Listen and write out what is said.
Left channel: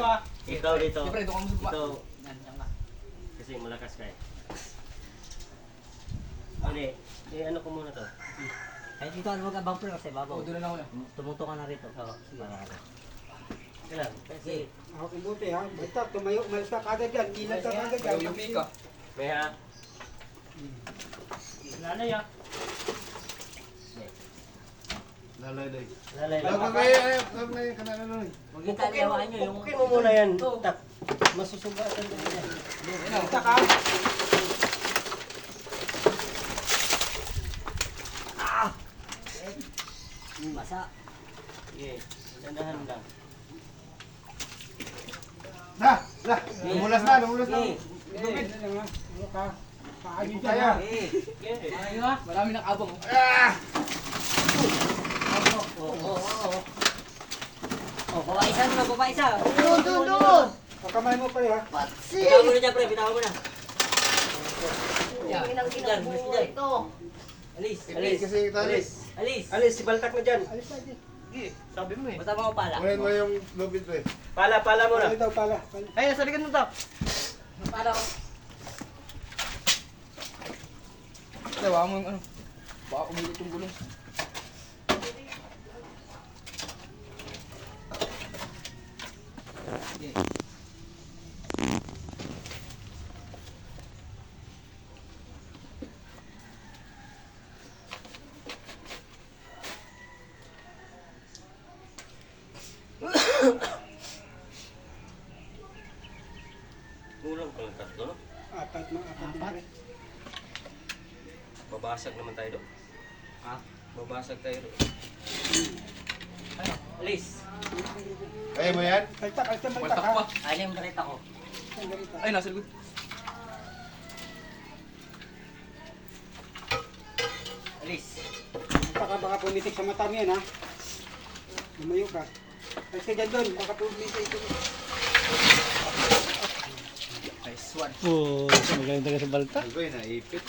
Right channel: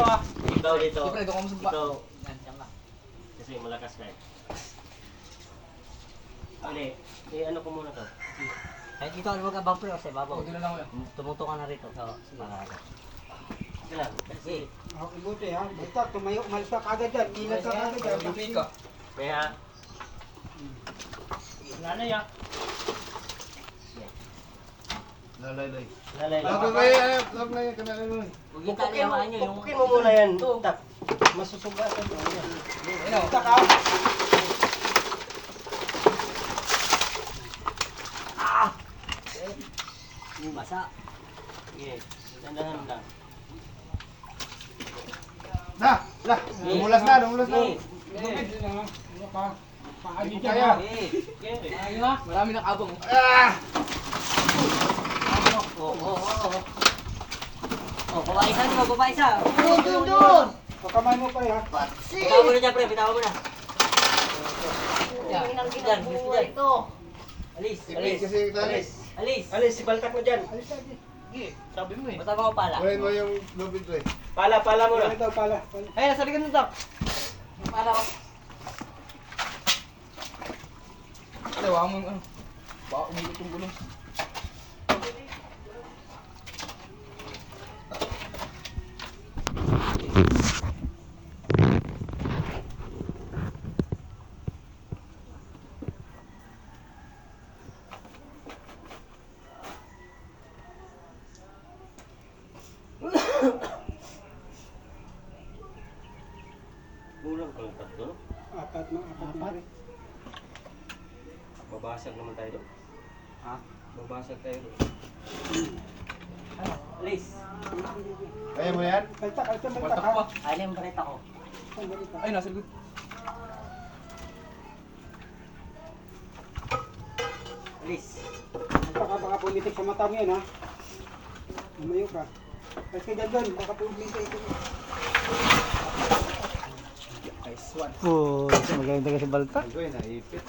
dito ah. Ikaw dito. Siyempre, doon ka mo sa baba. Ikaw. Yan ka. Kasi malakas ka eh. Hindi. Ano ko muna to? Kahit dito ano ka bumper kasi bago. Doon na lang muna. Tumuto ka na rito sa para. Kailan? Kasi Ako buti ha. Basta tumayo, umalis ka kagad dyan. Ilan ka kagad Ayaw dyan. yung pika. kaya Nanay ah. Lalay. lalay lang. Lalay ka na ano. Huwag yung taliyawan nyo yung... Pupukin mo muna yan. Tak. Masusugatan mo yan. Ano? Taka. Basa. Sige. Dandahan lang. Lumulas na. Sige. Lumid. Ano ka? Paano Hindi dyan kaya. ha? Sige. Ayun ha. Marami ng abong. Oh, baba isa mo, baba isa. Doon. Pakamay mo pala ha. Bitaw mo na dyan, pre. Bitaw mo na. Yan. Dyan, bilis ka dyan. Alis, alis, Kasi alis. Alis. Alis, si Baltak mo dyan. Alis na dyan. Sige. Sabi mo eh. Basta mga pala. Kunin mo yung lubid ko eh. Pala mo na. Pala daw pala. Ay, nasa likod mo to. Para ko. Tawa mo yung ano. Baka umilot yung gulong. Kulang pa lang tatlo, no? Apat no? Apat. Babasag naman tayo doon. Ha? Babasag tayo doon. Alis. Kaya mo yan? Baltak ha. Waltak pa. Ayun yung bareta ko. Ay, nasa likod. Alis. Baltak ka baka pumitik sa mata mo yan ha. Lumayo ka. Alis ka dyan doon. Baka pumitik ito. Nice one. Magaling talaga sa balta. Ay ko naipit.